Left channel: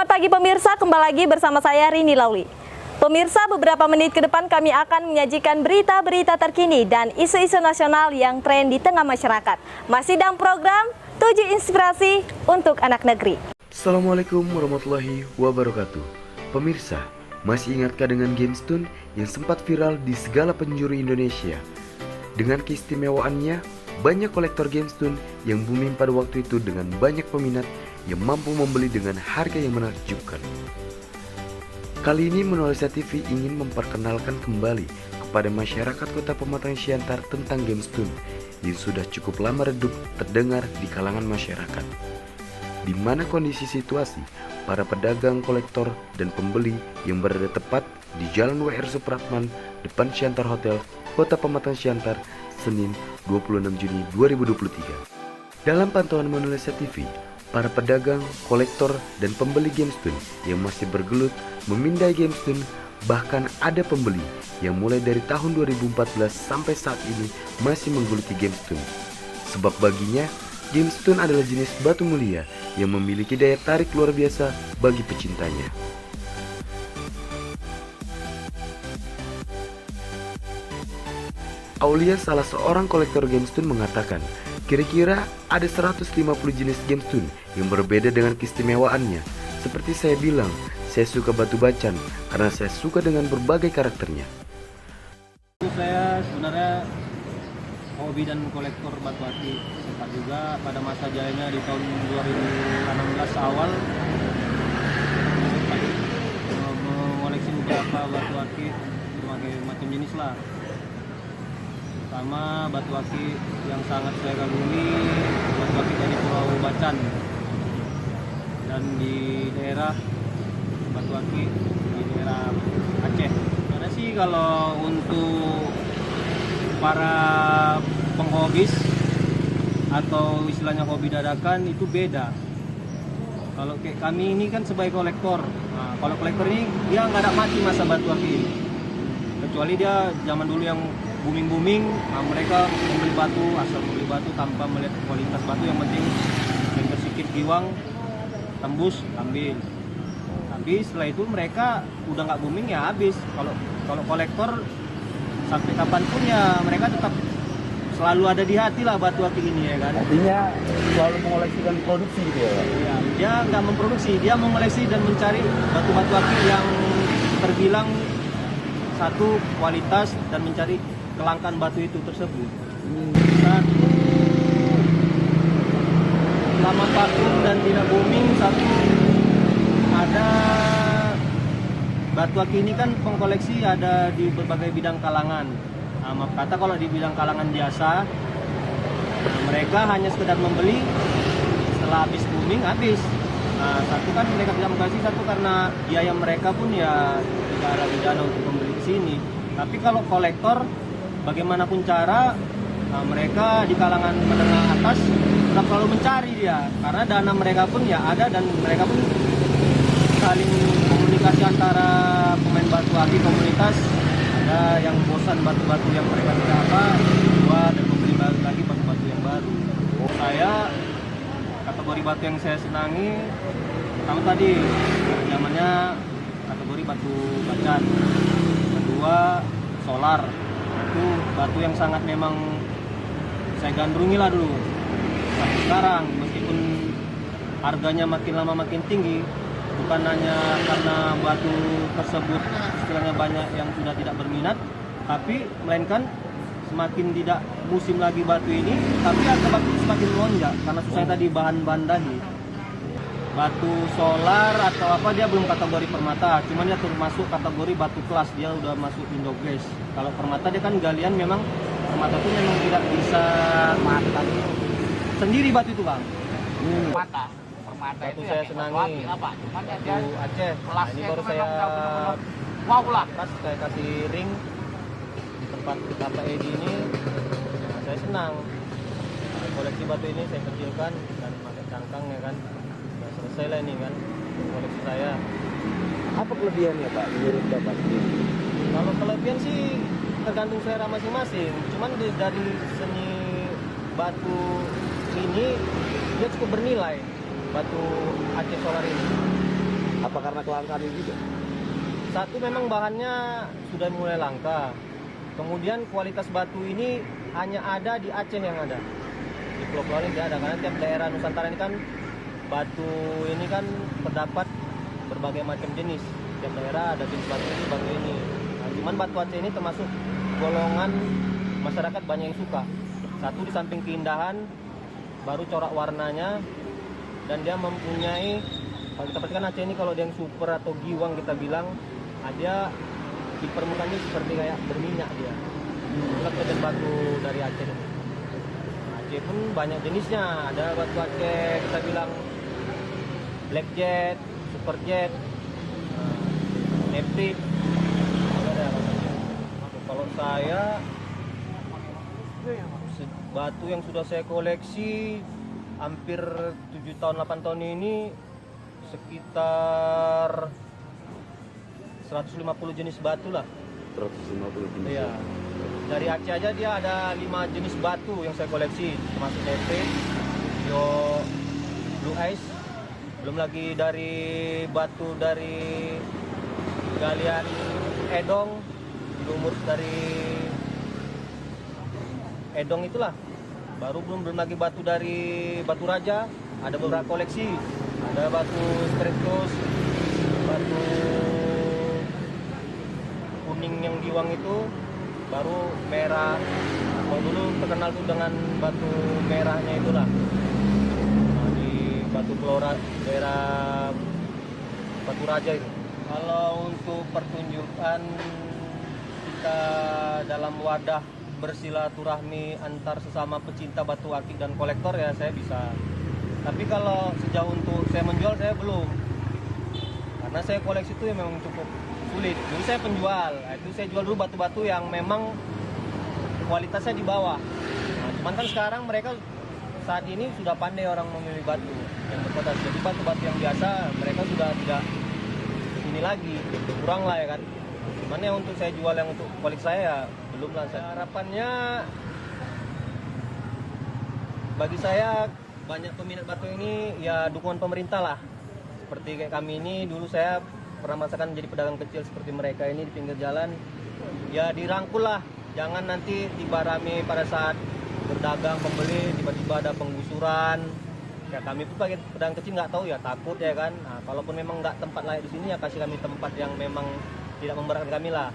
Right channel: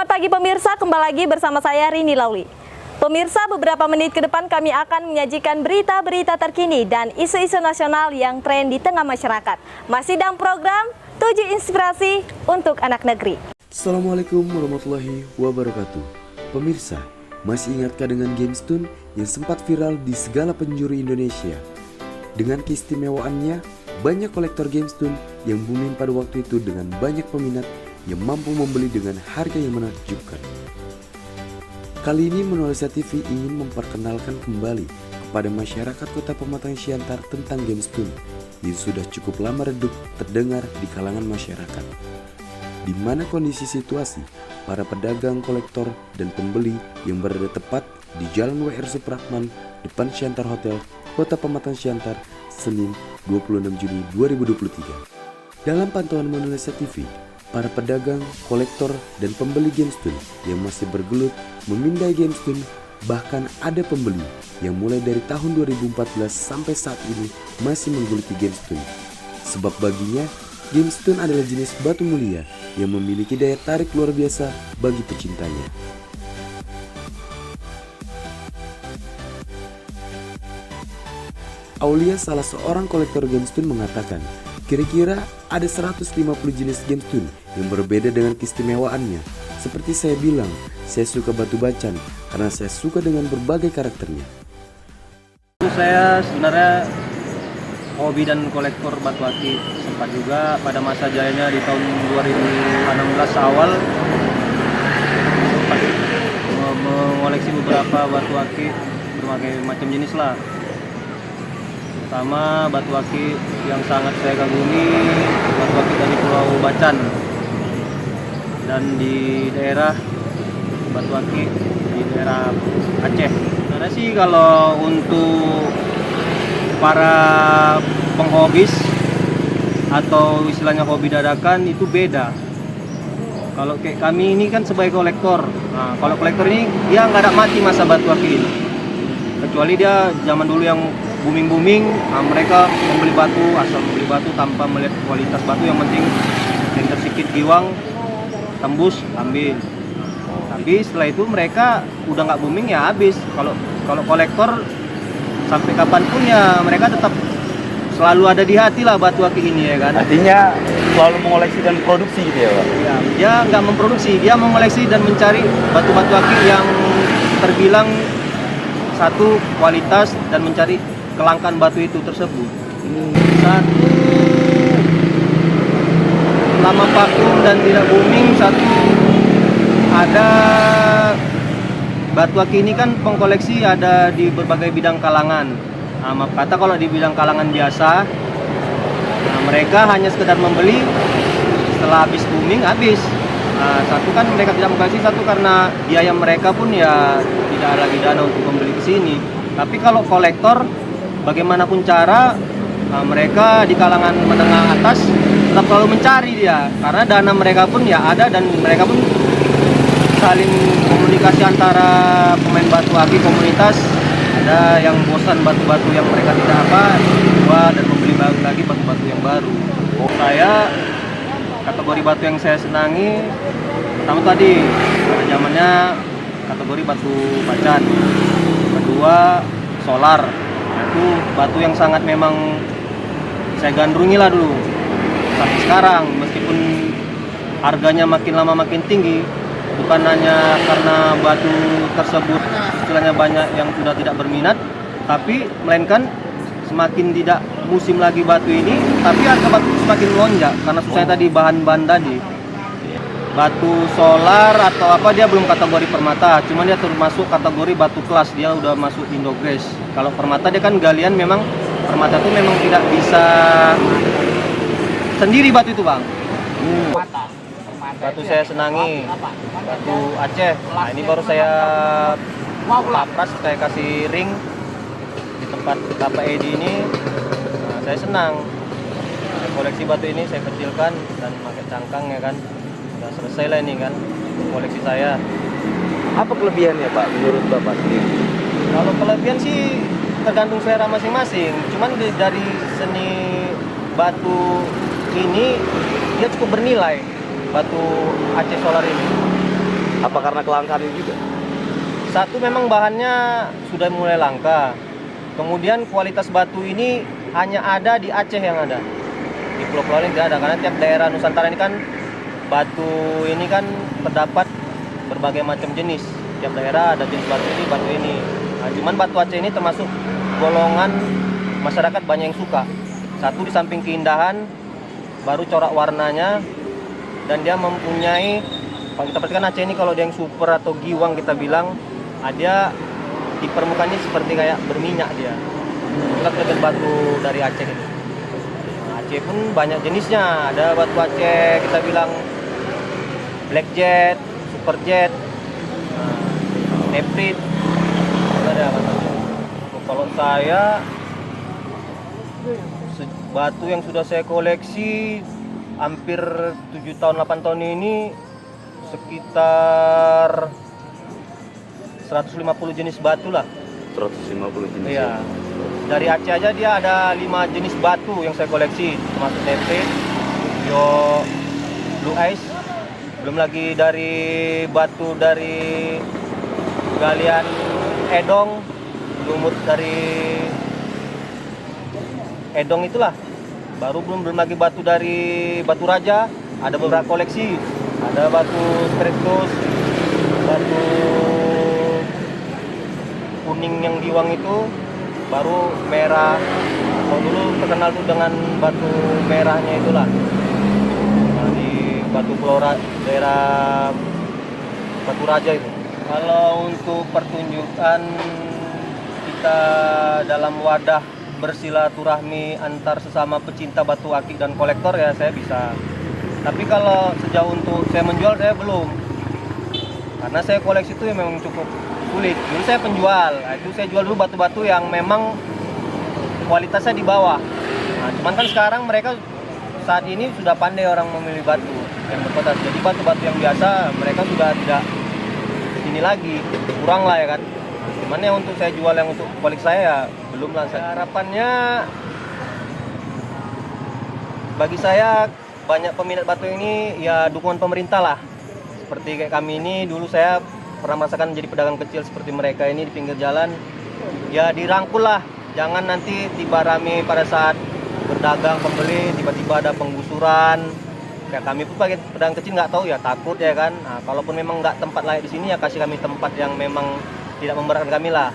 Selamat pagi pemirsa, kembali lagi bersama saya Rini Lauli. Pemirsa, beberapa menit ke depan kami akan menyajikan berita-berita terkini dan isu-isu nasional yang tren di tengah masyarakat. Masih dalam program 7 Inspirasi untuk Anak Negeri. Assalamualaikum warahmatullahi wabarakatuh. Pemirsa, masih ingatkah dengan GameStone yang sempat viral di segala penjuru Indonesia? Dengan keistimewaannya, banyak kolektor GameStone yang booming pada waktu itu dengan banyak peminat yang mampu membeli dengan harga yang menakjubkan. Kali ini Monalysa TV ingin memperkenalkan kembali kepada masyarakat Kota Pematang Siantar tentang GameStone yang sudah cukup lama redup terdengar di kalangan masyarakat. Di mana kondisi situasi para pedagang, kolektor, dan pembeli yang berada tepat di Jalan WR Supratman depan Siantar Hotel, Kota Pematang Siantar, Senin 26 Juni 2023. Dalam pantauan Monalysa TV, para pedagang, kolektor, dan pembeli GameStone yang masih bergelut memindai GameStone, bahkan ada pembeli yang mulai dari tahun 2014 sampai saat ini masih menggeluti GameStone. Sebab baginya, GameStone adalah jenis batu mulia yang memiliki daya tarik luar biasa bagi pecintanya. Aulia, salah seorang kolektor GameStone, mengatakan kira-kira ada 150 jenis GameStone yang berbeda dengan keistimewaannya. Seperti saya bilang, saya suka batu bacan karena saya suka dengan berbagai karakternya. Saya sebenarnya hobi dan kolektor batu akik. Sempat juga pada masa jayanya di tahun 2016 awal sempat mengoleksi beberapa batu akik berbagai macam jenis lah. Pertama, batu akik yang sangat saya kagumi, batu akik dari Pulau Bacan, dan di daerah batu akik di daerah Aceh. Sebenarnya sih kalau untuk para penghobis atau istilahnya hobi dadakan itu beda. Kalau kayak kami ini kan sebagai kolektor, nah, kalau kolektor ini dia nggak ada mati masa batu akik ini, kecuali dia zaman dulu yang booming, nah mereka membeli batu, asal membeli batu tanpa melihat kualitas batu, yang penting yang tersikit giwang, tembus, ambil. Tapi setelah itu mereka udah nggak booming ya habis. Kalau kolektor sampai kapanpun ya mereka tetap selalu ada di hati lah batu akik ini, ya kan. Artinya selalu mengoleksi dan produksi gitu ya Pak? Ya, dia nggak memproduksi, dia mengoleksi dan mencari batu-batu akik yang terbilang satu kualitas dan mencari kelangkaan batu itu tersebut. Satu lama vakum dan tidak booming, satu ada batu akik ini kan pengkoleksi ada di berbagai bidang kalangan. Nah, maaf kata kalau di bidang kalangan biasa, nah, mereka hanya sekedar membeli, setelah habis booming habis. Nah, satu kan mereka tidak mengkoleksi, satu karena biaya mereka pun ya tidak ada lagi dana untuk membeli ke sini. Tapi kalau kolektor, bagaimanapun cara, nah, mereka di kalangan menengah atas tetap selalu mencari dia, karena dana mereka pun ya ada, dan mereka pun saling komunikasi antara pemain batu akik komunitas. Ada yang bosan batu-batu yang mereka tidak apa, jual dan membeli lagi batu-batu yang baru. Saya kategori batu yang saya senangi pertama tadi pada zamannya kategori batu bacan, kedua solar. Nah, itu batu yang sangat memang saya gandrungi lah dulu sampai sekarang, meskipun harganya makin lama makin tinggi, bukan hanya karena batu tersebut istilahnya banyak yang sudah tidak berminat, tapi melainkan semakin tidak musim lagi batu ini, tapi harga batu semakin melonjak karena susahnya tadi bahan-bahan tadi. Batu solar atau apa dia belum kategori permata, cuman dia termasuk kategori batu kelas, dia udah masuk Indogres. Kalau permata dia kan galian, memang permata itu memang tidak bisa sendiri batu itu, Bang. Batu saya senangi batu Aceh. Nah, ini baru saya papras, saya kasih ring di tempat Bapak Edi ini. Nah, saya senang. Saya koleksi batu ini, saya kecilkan dan pakai cangkang, ya kan. Udah selesai lah ini kan koleksi saya. Apa kelebihannya Pak menurut Bapak sendiri? Kalau kelebihan sih tergantung selera masing-masing. Cuman dari seni batu ini dia cukup bernilai, batu Aceh Solar ini. Apa karena kelangkaan ini juga? Satu memang bahannya sudah mulai langka. Kemudian kualitas batu ini hanya ada di Aceh yang ada. Di pulau-pulau lain tidak ada karena tiap daerah Nusantara ini kan batu ini kan terdapat berbagai macam jenis. Tiap daerah ada jenis batu ini. Nah, cuman batu Aceh ini termasuk golongan masyarakat banyak yang suka. Satu di samping keindahan, baru corak warnanya, dan dia mempunyai, kalau kita perhatikan Aceh ini kalau dia yang super atau giwang kita bilang, dia di permukaannya seperti kayak berminyak dia. Itulah kelebihan batu dari Aceh ini. Nah, Aceh pun banyak jenisnya. Ada batu Aceh kita bilang black jet, super jet, neprit, ada batu Aceh. Kalau saya batu yang sudah saya koleksi hampir 7 tahun 8 tahun ini sekitar 150 jenis batu lah. 150 jenis. Iya. Dari Aceh aja dia ada 5 jenis batu yang saya koleksi, termasuk neprit, bio, blue ice. Belum lagi dari batu dari galian Edong, lumut dari Edong itulah. Belum lagi batu dari Batu Raja, ada beberapa koleksi. Ada batu Spiritus, batu kuning yang giwang itu, baru merah. Kalau dulu terkenal tuh dengan batu merahnya itulah. Nah, di Batu daerah Batu Raja itu. Kalau untuk pertunjukan kita dalam wadah bersilaturahmi antar sesama pecinta batu akik dan kolektor ya saya bisa. Tapi kalau sejauh untuk saya menjual saya belum. Karena saya koleksi itu memang cukup sulit. Dulu saya penjual, nah, itu saya jual dulu batu-batu yang memang kualitasnya di bawah. Nah, cuman kan sekarang mereka saat ini sudah pandai orang memilih batu yang berkualitas. Jadi batu-batu yang biasa mereka sudah tidak ini lagi, kurang lah ya kan. Cuman ya untuk saya jual yang untuk koleksi saya ya belum lah. Harapannya bagi saya banyak peminat batu ini ya dukungan pemerintah lah. Seperti kayak kami ini dulu saya pernah merasakan jadi pedagang kecil seperti mereka ini di pinggir jalan. Ya dirangkul lah, jangan nanti tiba rame pada saat berdagang pembeli tiba-tiba ada penggusuran. Kayak kami pun sebagai pedagang kecil nggak tahu ya takut ya kan. Nah, kalaupun memang nggak tempat layak di sini ya kasih kami tempat yang memang tidak memberatkan kami lah.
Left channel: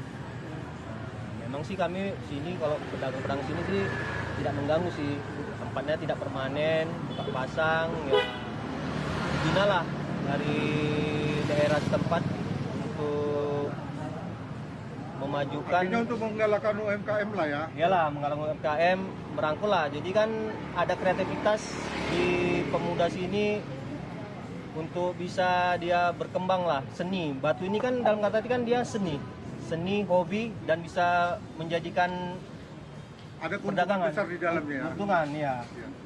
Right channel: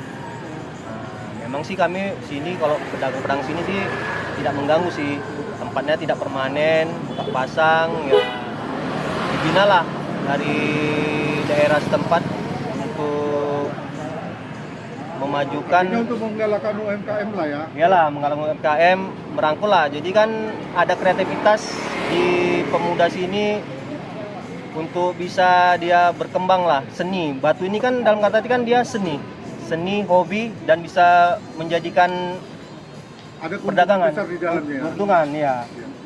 Nah, memang sih kami sini kalau pedagang-pedagang sini sih tidak mengganggu sih. Tempatnya tidak permanen, buka pasang ya dibina lah dari daerah setempat untuk memajukan. Ini untuk menggalakkan UMKM lah ya. Iyalah, menggalakkan UMKM, merangkul lah. Jadi kan ada kreativitas di pemuda sini untuk bisa dia berkembang lah, seni. Batu ini kan dalam kata arti kan dia seni, hobi dan bisa menjadikan Ada perdagangan, besar di dalamnya. keuntungan ya.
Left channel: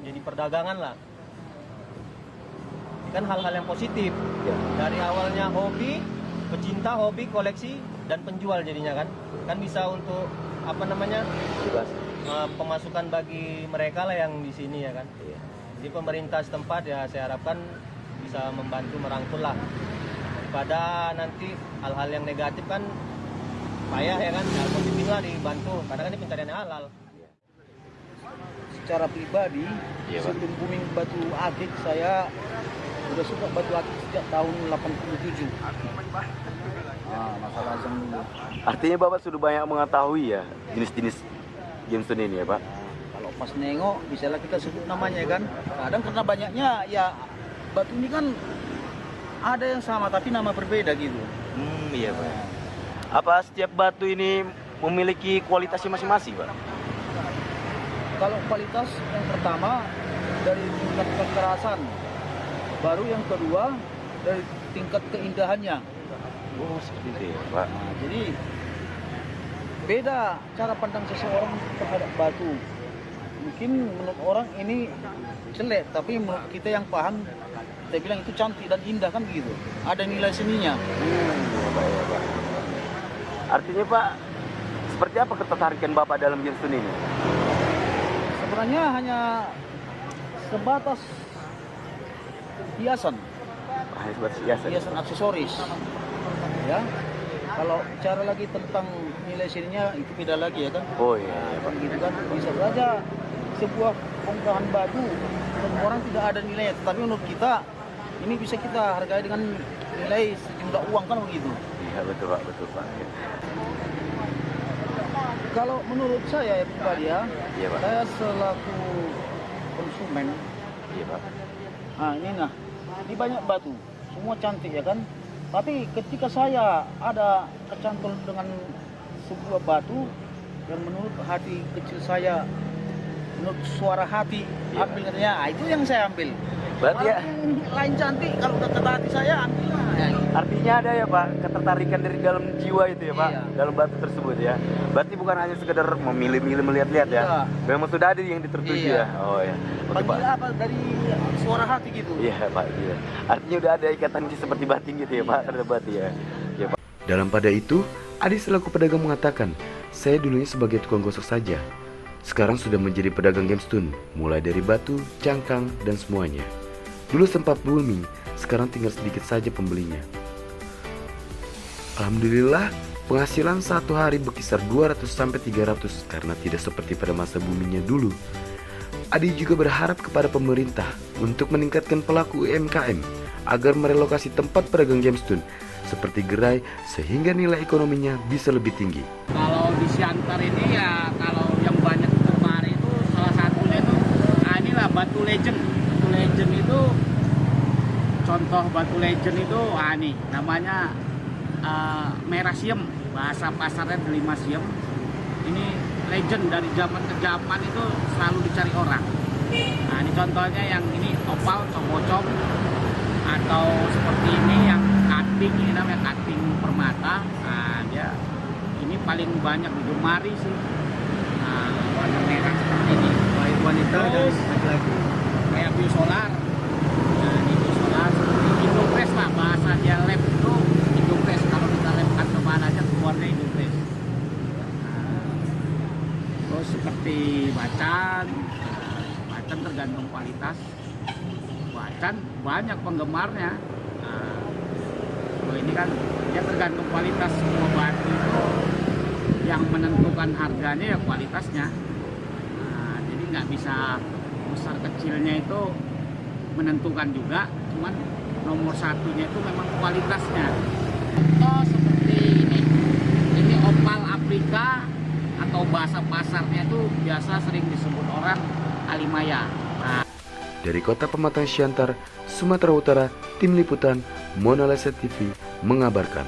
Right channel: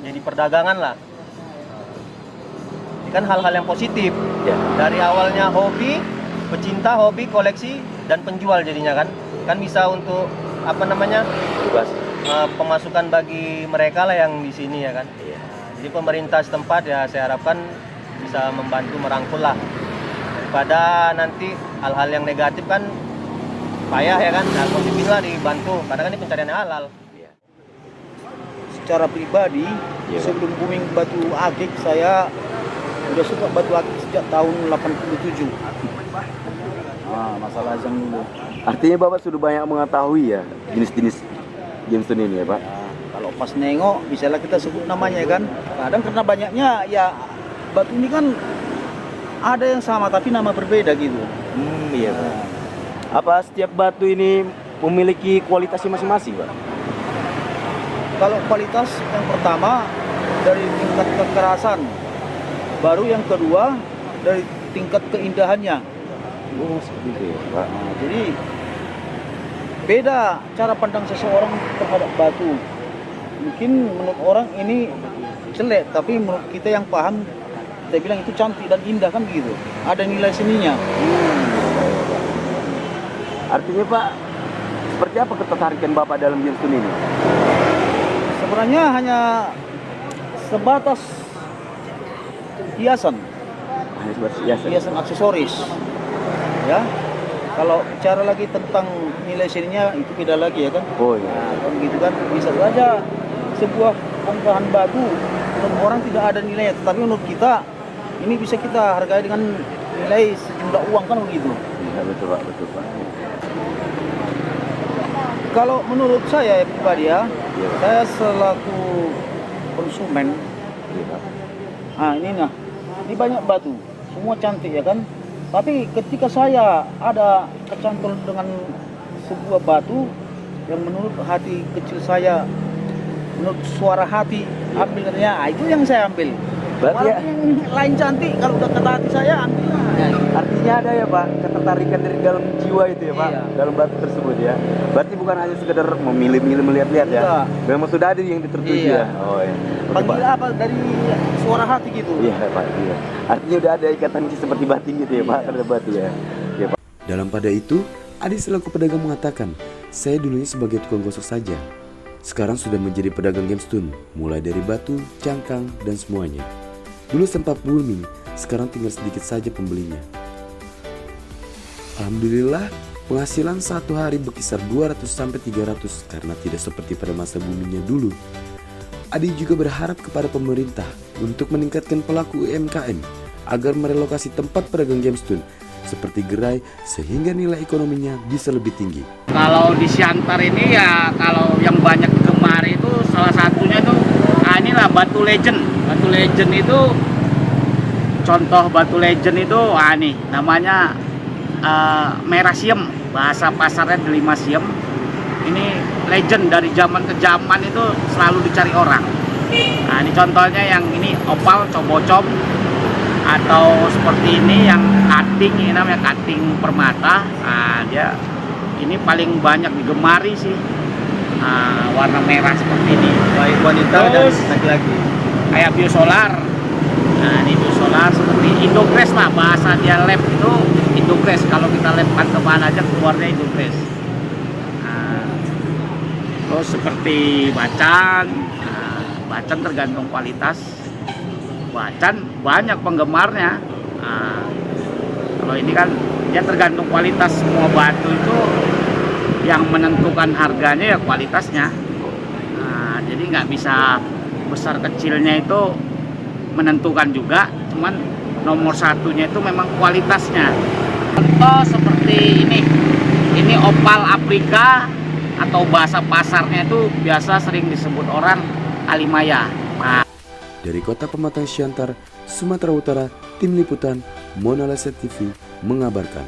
Jadi perdagangan lah. Ini kan hal-hal yang positif. Ya. Dari awalnya hobi, pecinta hobi, koleksi dan penjual jadinya kan. Kan bisa untuk apa namanya? Bebas. Pemasukan bagi mereka lah yang di sini ya kan. Jadi pemerintah setempat ya saya harapkan bisa membantu merangkul lah. Daripada nanti hal-hal yang negatif kan payah ya kan. Nah, positif lah dibantu karena kan ini pencarian halal. Secara pribadi, sebelum booming batu akik, saya udah suka batu akik sejak tahun 87. Masalah yang dulu. Artinya Bapak sudah banyak mengetahui ya jenis-jenis gemstone ini ya Pak? Kalau pas nengok, misalnya kita sebut namanya kan, kadang karena banyaknya ya batu ini kan ada yang sama tapi nama berbeda gitu. Iya Pak. Apa setiap batu ini memiliki kualitasnya masing-masing Pak? Kalau kualitas yang pertama dari tingkat kekerasan, baru yang kedua dari tingkat keindahannya. Oh seperti itu ya Pak. Nah, jadi beda cara pandang seseorang terhadap batu. Mungkin menurut orang ini jelek, tapi menurut kita yang paham, kita bilang itu cantik dan indah kan begitu. Ada nilai seninya. Artinya Pak, seperti apa ketertarikan Bapak dalam gemstone ini? Sebenarnya hanya sebatas hiasan. hiasan aksesoris. Ya. Kalau bicara lagi tentang nilai seninya itu beda lagi ya kan. Oh iya. Nah, kan gitu kan bisa saja sebuah bongkahan batu menurut orang tidak ada nilainya, tetapi menurut kita ini bisa kita hargai dengan nilai sejumlah uang kan begitu. Iya betul Pak, betul Pak. Kalau menurut saya pribadi ya, Iya, Pak. saya selaku konsumen, Iya Pak. ini banyak batu, semua cantik ya kan. Tapi ketika saya ada kecantol dengan sebuah batu yang menurut hati kecil saya, menurut suara hati, ambil katanya, itu yang saya ambil. Berarti ya, Walaupun yang lain cantik, kalau udah kata hati saya ambil lah. Ya, gitu. artinya ada ya Pak ketertarikan dari dalam jiwa itu ya Pak, Iya. dalam batu tersebut ya. Berarti bukan hanya sekedar memilih-milih melihat-lihat ya. Enggak. Memang sudah ada yang tertuju Iya. ya. Oh iya. Oke, Panggil Pak. apa dari suara hati gitu. Iya Pak, iya. Artinya udah ada ikatan seperti batin gitu ya Pak, terhadap batu ya. Iya Pak. Dalam pada itu, Adi selaku pedagang mengatakan, saya dulunya sebagai tukang gosok saja. Sekarang sudah menjadi pedagang gemstone, mulai dari batu, cangkang, dan semuanya. Dulu sempat booming, sekarang tinggal sedikit saja pembelinya. Alhamdulillah, penghasilan satu hari berkisar 200-300 karena tidak seperti pada masa boomingnya dulu. Adi juga berharap kepada pemerintah untuk meningkatkan pelaku UMKM agar merelokasi tempat pedagang gemstone seperti gerai sehingga nilai ekonominya bisa lebih tinggi. Kalau di Siantar ini ya kalau yang banyak digemari itu salah satunya itu inilah Batu Legend. Batu Legend itu contoh Batu Legend itu nih namanya Merasium, bahasa pasarnya Delimasium. Ini legend dari zaman ke zaman itu selalu dicari orang. Nah, ini contohnya yang ini opal cobocom atau seperti ini yang cutting, ini namanya cutting permata. Nah, dia ini paling banyak digemari sih. Nah, warna merah seperti ini. Baik wanita dan Terus laki-laki. kayak biosolar. Nah, ini biosolar seperti Indogres lah, bahasa dia lab itu Indogres. Kalau kita labkan kemana aja keluarnya Indogres. Nah, terus seperti bacan. Nah, bacan tergantung kualitas. Bacan banyak penggemarnya. Nah, kalau ini kan ya tergantung kualitas. Semua batu itu yang menentukan harganya ya kualitasnya. Nah, jadi nggak bisa besar kecilnya itu menentukan juga, cuman nomor satunya itu memang kualitasnya. Contoh seperti ini opal Afrika atau bahasa pasarnya itu biasa sering disebut orang alimaya. Nah, Dari Kota Pematang Siantar, Sumatera Utara, Tim Liputan Monalesa TV mengabarkan.